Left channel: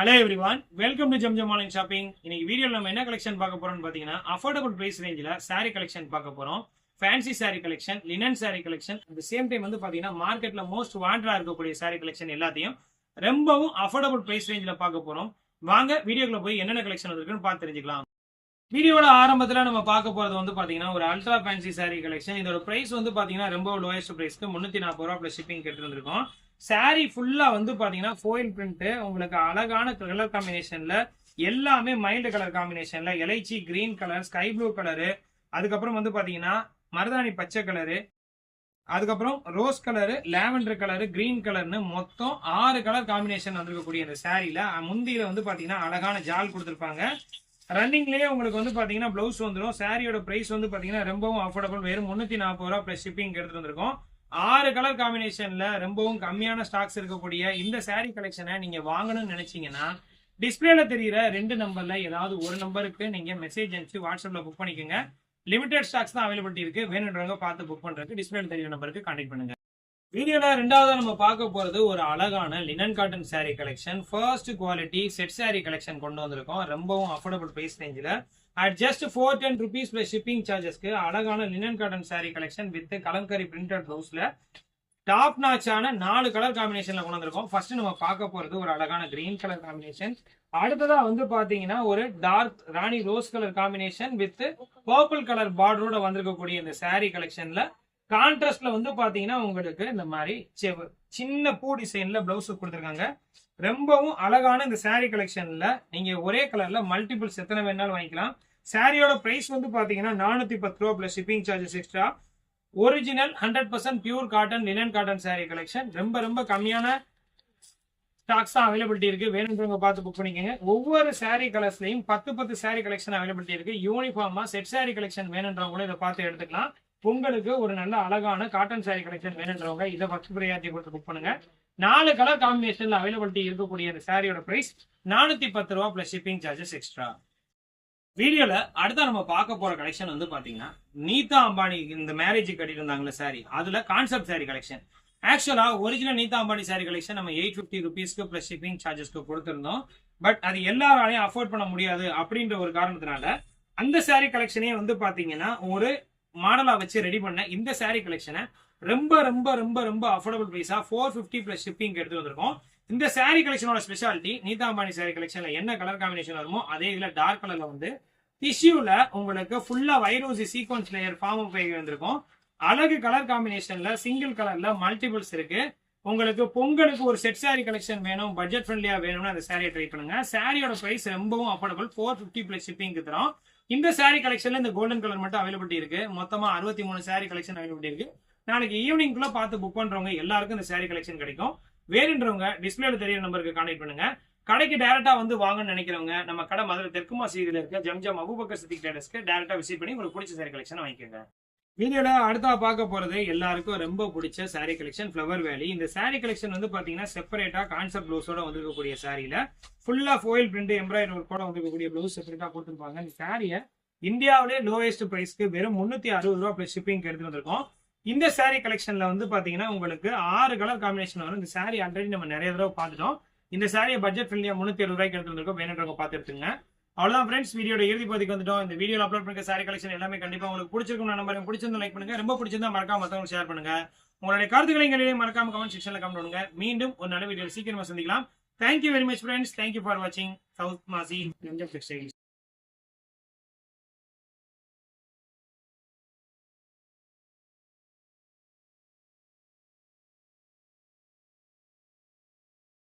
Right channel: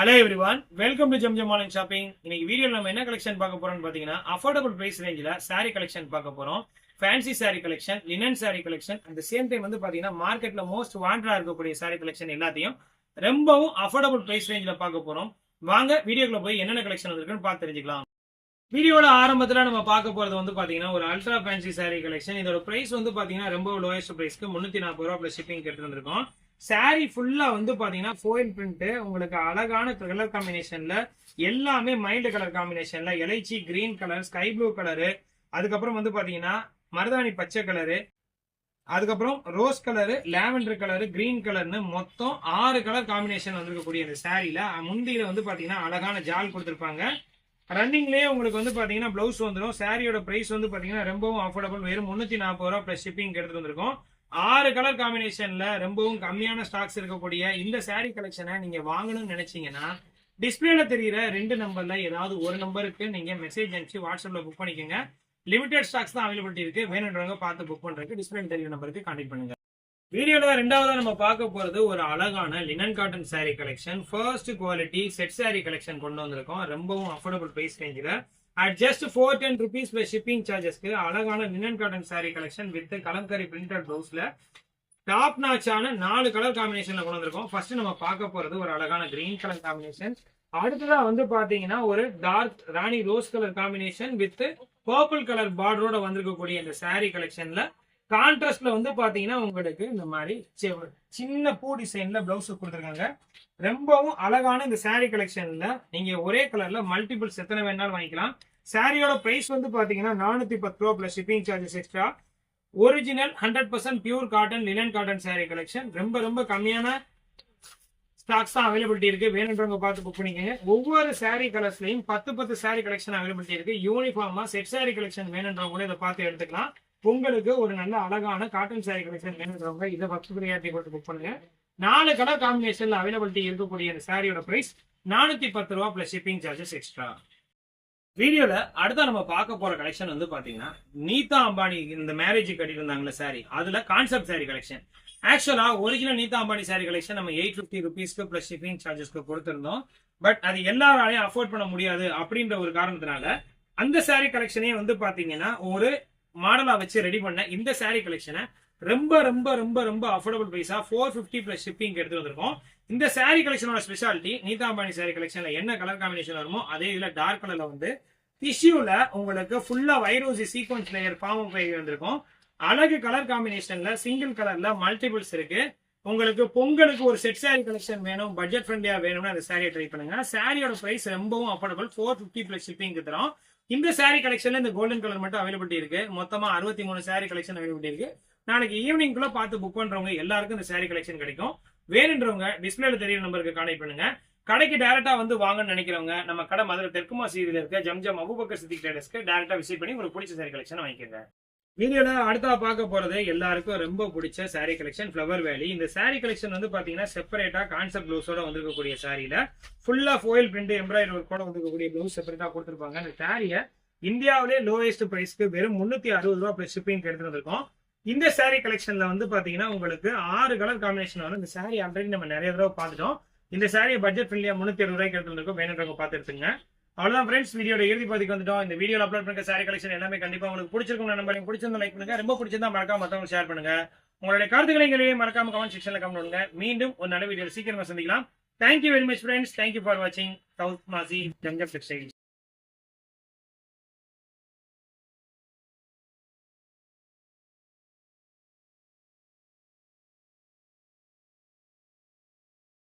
Hello everyone, welcome to Zamzam online shopping. இன்னைக்கு வீடியோவில் நம்ம என்ன கலெக்ஷன் பார்க்க போறோம்னு பார்த்தீங்கன்னா, அஃபோர்டபுள் பிரைஸ் ரேஞ்சில் சாரீ கலெக்ஷன் பார்க்க போறோம். Fancy sari collection, linen sari collection, at the same time வந்து பார்த்தீங்கன்னா மார்க்கெட்ல மோஸ்ட் வாண்டடா இருக்கக்கூடிய சாரீ கலெக்ஷன் எல்லாத்தையும் ரொம்பவும் அஃபோர்டபுள் பிரைஸ் ரேஞ்சில் பார்க்க போறோம். வாங்க வீடியோக்குள்ள போய் என்னென்ன கலெக்ஷன் இருக்குன்னு பார்த்து தெரிஞ்சுக்கலாம். வீடியோட ஆரம்பத்தில் நம்ம பார்க்க போறது வந்து பார்த்தீங்கன்னா ஒரு அல்ட்ரா ஃபேன்சி சாரீ கலெக்ஷன். இதோட பிரைஸ் வந்து பார்த்தீங்கன்னா ரொம்ப லோயஸ்ட் பிரைஸ்க்கு 340 ரூபா பிளஸ் ஷிப்பிங் எடுத்துட்டு வந்திருக்கோம். சாரி ஃபுல்லா வந்து பாத்தீங்கன்னா ஃபோயில் பிரிண்ட், உங்களுக்கு அழகான கலர் காம்பினேஷன்ல எல்லாமே மைல்டு கலர் காம்பினேஷன்ல எலைச்சி green colour, sky blue colour, அதுக்கப்புறம் வந்து பாத்தீங்கன்னா மருதாணி பச்சை கலரு, அதுக்கப்புறம் rose colour, lavender colour, green கலர்னு மொத்தம் 6 கலர் காம்பினேஷன் வந்திருக்கக்கூடிய இந்த சாரியில முந்தியில வந்து பாத்தீங்கன்னா அழகான ஜால் கொடுத்துருப்பாங்க. ரன்னிங்லேயே உங்களுக்கு வந்து பாத்தீங்கன்னா பிளவுஸ் வந்துடும். சாரியோட பிரைஸ் வந்து பாத்தீங்கன்னா ரொம்பவும் அஃபோர்டபுள், வெறும் 340 ரூபா பிளஸ் ஷிப்பிங் எடுத்துட்டு வந்திருக்கோம். 6 கலர் காம்பினேஷன்ல ரொம்பவும் கம்மியான ஸ்டாக்ஸ் இருக்கக்கூடிய இந்த சாரீ கலெக்ஷனை நீங்க வாங்கணும்னு நினைச்சீங்கன்னா டிஸ்பிளேல தெரியுற 2 நம்பர்ல ஏதாவது ஒரு நம்பருக்கு நீங்க மெசேஜ் அனுப்பிச்சு வாட்ஸ்அப்ல புக் பண்ணிக்கோங்க. லிமிடெட் ஸ்டாக்ஸ் தான் அவைலபிலிட்டி இருக்கு. வேணுன்றவங்க பார்த்து புக் பண்றதுக்கு டிஸ்பிளேல தெரியுற நம்பருக்கு கான்டாக்ட் பண்ணுங்க. வீடியோல ரெண்டாவதா நம்ம பார்க்க போறது ஒரு அழகான linen cotton sari collection. First quality set sari collection கொண்டு வந்திருக்கோம். ரொம்பவும் அஃபோர்டபுள் பிரைஸ் ரேஞ்சில் at just 410 rupees plus shipping charges க்கு அழகான linen cotton sari collection with Kalamkari printed ப்ளவுஸ்ல டாப் நாச்சான 4 கலர் காம்பினேஷன்ல கொண்டு வந்திருக்கோம். ஃபர்ஸ்ட் நம்ம பார்க்க போறது ஒரு அழகான கிரீன் கலர் காம்பினேஷன். அடுத்ததா வந்து பாத்தீங்கன்னா ஒரு dark rani rose colour combination with purple colour பார்டரோட வந்திருக்கக்கூடிய இந்த சாரீ கலெக்ஷன்ல கான்ட்ராஸ்ட்ல வந்து பாத்தீங்கன்னா உங்களுக்கு இந்த மாதிரி சின்ன பூ டிசைன்ல பிளவுஸ் கொடுத்துருக்காங்க. ரொம்பவும் அழகான இந்த சாரீ கலெக்ஷன்ல நீங்க ஒரே கலர்ல மல்டிபிள்ஸ் எத்தனை வேணாலும் வாங்கிக்கலாம். சாரியோட பிரைஸ் வந்து பாத்தீங்கன்னா 410 ரூபா plus shipping charges extra. Original 100% pure cotton linen cotton sari collection. ரொம்ப கம்மியான ஸ்டாக்ஸ் தான் அவைலபிலிட்டி இருக்கு. வேணுன்றவங்க பார்த்து புக் பண்ணிக்கோங்க. ஒவ்வொரு சாரீ கலர்ஸ்லயும் 10 சாரீ கலெக்ஷன் அவைலபிலிட்டி இருக்கு. யூனிஃபார்மா செட் சாரீ கலெக்ஷன் வேணுன்றவங்க இதை பார்த்து எடுத்துக்கலாம். உங்களுக்கு ஒரு நல்ல அழகான காட்டன் சாரீ கலெக்ஷன் வேணுன்றவங்க இதை ஃபர்ஸ்ட் ப்ரையாரிட்டி கொடுத்து புக் பண்ணுங்க. 4 கலர் காம்பினேஷன்ல அவைலபிலிட்டி இருக்கக்கூடிய இந்த சாரியோட பிரைஸ் 410 ரூபா பிளஸ் ஷிப்பிங் சார்ஜஸ் எக்ஸ்ட்ரா. வீடியோல அடுத்த நம்ம பார்க்க போற கலெக்ஷன் வந்து பாத்தீங்கன்னா நீதா அம்பானி இந்த மேரேஜ் கட்டிட்டு இருந்தாங்களே சாரி, அதுல கான்செப்ட் சாரி கலெக்ஷன். ஆக்சுவலா ஒரிஜினல் நீதா அம்பானி சாரி கலெக்ஷன் நம்ம 850 ருபீஸ்க்கு பிளஸ் ஷிப்பிங் சார்ஜஸ்க்கு கொடுத்திருந்தோம். பட் அது எல்லாராலையும் அஃபோர்ட் பண்ண முடியாது அப்படின்ற ஒரு காரணத்தினால அந்த சாரி கலெக்ஷனே வந்து பாத்தீங்கன்னா ஒரு மாடலா வச்சு ரெடி பண்ண இந்த சாரி கலெக்ஷனை ரொம்ப அஃபோர்டபுள் பிரைஸா 450 பிளஸ் ஷிப்பிங் எடுத்து வந்திருக்கோம். இந்த சாரி கலெக்ஷனோட ஸ்பெஷாலிட்டி நீதா அம்பானி சாரி கலெக்ஷன்ல என்ன கலர் காம்பினேஷன் வருமோ அதே இதுல டார்க் கலர்ல வந்து டிஷ்யூல உங்களுக்கு ஃபுல்லா வைரோசி சீக்வன்ஸ் லேயர் ஃபார்ம் ஆகி வந்திருக்கும். அழகு கலர் காம்பினேஷன்ல சிங்கிள் கலர்ல மல்டிபிள்ஸ் இருக்கு. உங்களுக்கு பொங்கலுக்கு ஒரு செட் சாரி கலெக்ஷன் வேணும், பட்ஜெட் ஃப்ரெண்ட்லியா வேணும்னு அந்த சாரியை ட்ரை பண்ணுங்க. சாரியோட பிரைஸ் ரொம்பவும் அஃபோர்டபுள், 450 பிளஸ் ஷிப்பிங் தரோம். இந்த சாரி கலெக்ஷன்ல இந்த கோல்டன் கலர் மட்டும் அவைலபிலிட்டி இருக்கு. மொத்தமா 63 சாரி கலெக்ஷன் அவைலபிலிட்டி இருக்கு. நாளைக்கு ஈவினிங்குள்ள பார்த்து புக் பண்றவங்க எல்லாருக்கும் இந்த சாரி கலெக்ஷன் கிடைக்கும். வேணுன்றவங்க டிஸ்பிளேல தெரியுற நம்பருக்கு கான்டாக்ட் பண்ணுங்க. கடைக்கு டைரக்டா வந்து வாங்கன்னு நினைக்கிறவங்க நம்ம கடை மதுரை தெற்குமா சீதியில இருக்க ஜம்ஜம் அபூபக்கர் சித்திக் ட்ரேடர்ஸ்க்கு டைரக்டா விசிட் பண்ணி உங்களுக்கு பிடிச்ச சாரி கலெக்ஷன் வாங்கிக்கோங்க. வீடியோல அடுத்தா பார்க்க போறது எல்லாருக்கும் ரொம்ப பிடிச்ச சாரி கலெக்ஷன் ஃப்ளவர் வேலி. இந்த சாரி கலெக்ஷன் வந்து பாத்தீங்கன்னா செப்பரேட்டா கான்செப்ட் பிளவுஸோட வந்திருக்கக்கூடிய சாரியில ஃபுல்லா ஃபோயில் பிரிண்ட் எம்ப்ராய்டரி ஒர்க்கோட வந்திருக்கக்கூடிய பிளவுஸ் செப்பரேட்டா கொடுத்துருப்பாங்க. இந்த சாரியை இந்தியாவிலே லோயஸ்ட் பிரைஸ்க்கு வெறும் 360 ரூபா பிளஸ் ஷிப்பிங் எடுத்து வந்திருக்கோம். இந்த சாரி கலெக்ஷன்ல வந்து பாத்தீங்கன்னா உங்களுக்கு 6 கலர் காம்பினேஷன் வரும். இந்த சாரி ஆல்ரெடி நம்ம நிறைய தடவை பார்த்துட்டோம். இந்த சாரியை பட்ஜெட் ஃப்ரெண்ட்லியா 360 ரூபாய்க்கு எடுத்து வந்திருக்கோம். வேணுன்றவங்க பார்த்து எடுத்துங்க. அவ்வளவுதான் ஃப்ரெண்ட்ஸ், வீடியோட இறுதி பகுதிக்கு வந்துட்டோம். இந்த வீடியோல அப்லோட் பண்ண சாரி கலெக்ஷன் எல்லாமே கண்டிப்பா உங்களுக்கு பிடிச்சிருக்கும் நம்பர். பிடிச்சிருந்தா லைக் பண்ணுங்க, ரொம்ப பிடிச்சிருந்தா மறக்காம மத்தவங்க ஷேர் பண்ணுங்க. உங்களுடைய கருத்துக்களை மறக்காம கமெண்ட் செக்ஷன்ல கமெண்ட் பண்ணுங்க. மீண்டும் ஒரு நல்ல வீடியோ சீக்கிரமா சந்திக்கலாம். Thank you very much friends. Thank you for வாட்சிங் சவுத் மாசி ஜம்ஜம் டெக்ஸ்டைல்ஸ்.